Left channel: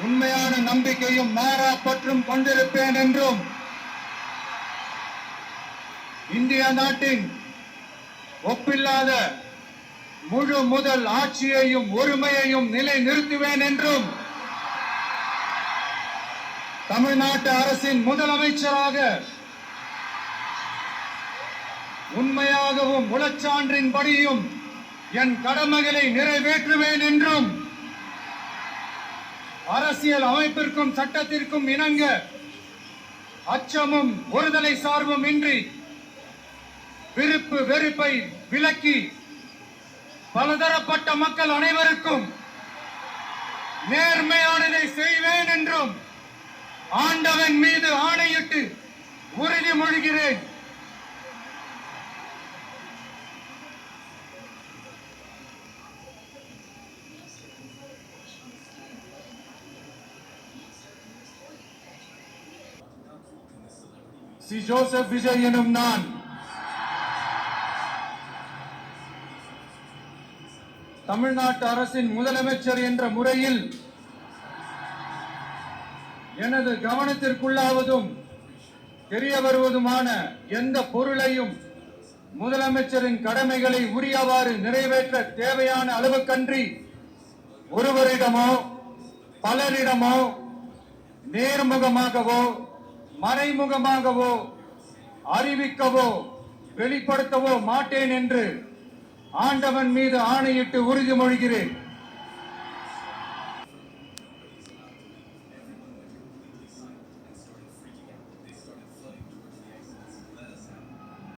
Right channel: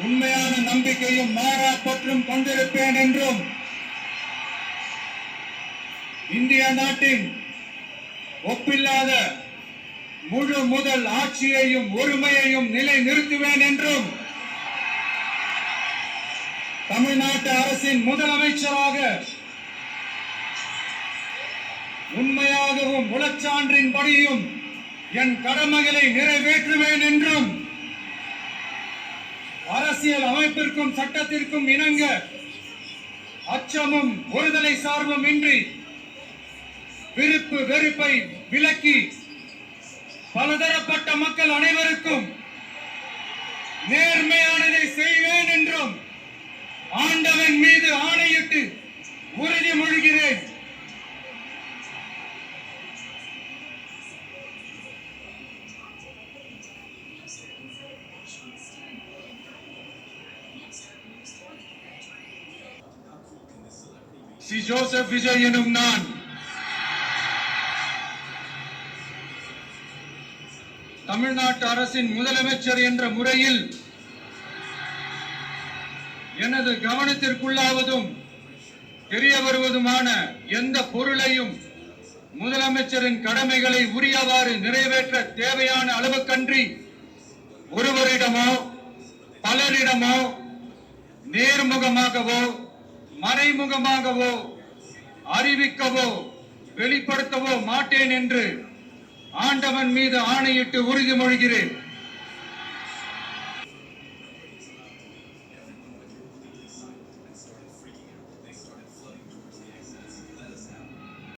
உண்மையான நம்பிக்கையும் மாறா பற்றும் கொண்டிருப்பேன் என்றும் இந்திய நாட்டின் ஒப்பில்லாத முழு முதல் ஆட்சியையும் ஒருமையையும் நிலை நிறுத்துவேன் என்றும் தமிழ்நாட்டு அரசின் முதலமைச்சராக உண்மையாகவும் உளச்சான்றின்படியும் என் கடமைகளை நிறைவேற்றுவேன் என்றும் அரசியல் அமைப்பிற்கும் சட்டத்திற்கும் இணங்க அச்சமும் ஒருதலை சார்பும் இன்றி விருப்பு வெறுப்பை விலக்கி பலதரப்பட்ட மக்கள் அனைவருக்கும் நேர்மையானதை செய்வேன் என்றும் ஆண்டவன் மீது ஆணையிட்டு உறுதிமொழிகிறேன். சி ஜோசப் விஜய் எனும் நான் தமிழ்நாட்டு அரசின் முதலமைச்சர் என்ற முறையில் எனது கவனத்திற்குள்ளாவதும் தெரிய வருவதுமான எந்த பொருளையும் முதலமைச்சரின் கடமைகளை உரியவாறு நிறைவேற்ற தேவையான அளவுக்கன்றி ஒருவரிடமோ பலரிடமோ நேர்முகமாகவோ மறைமுகமாகவோ அறிவிக்கவோ வெளிப்படுத்தவோ மாட்டேன் என்று ஆண்டவன் மீது ஆணையிட்டு உறுதிமொழிகிறேன்.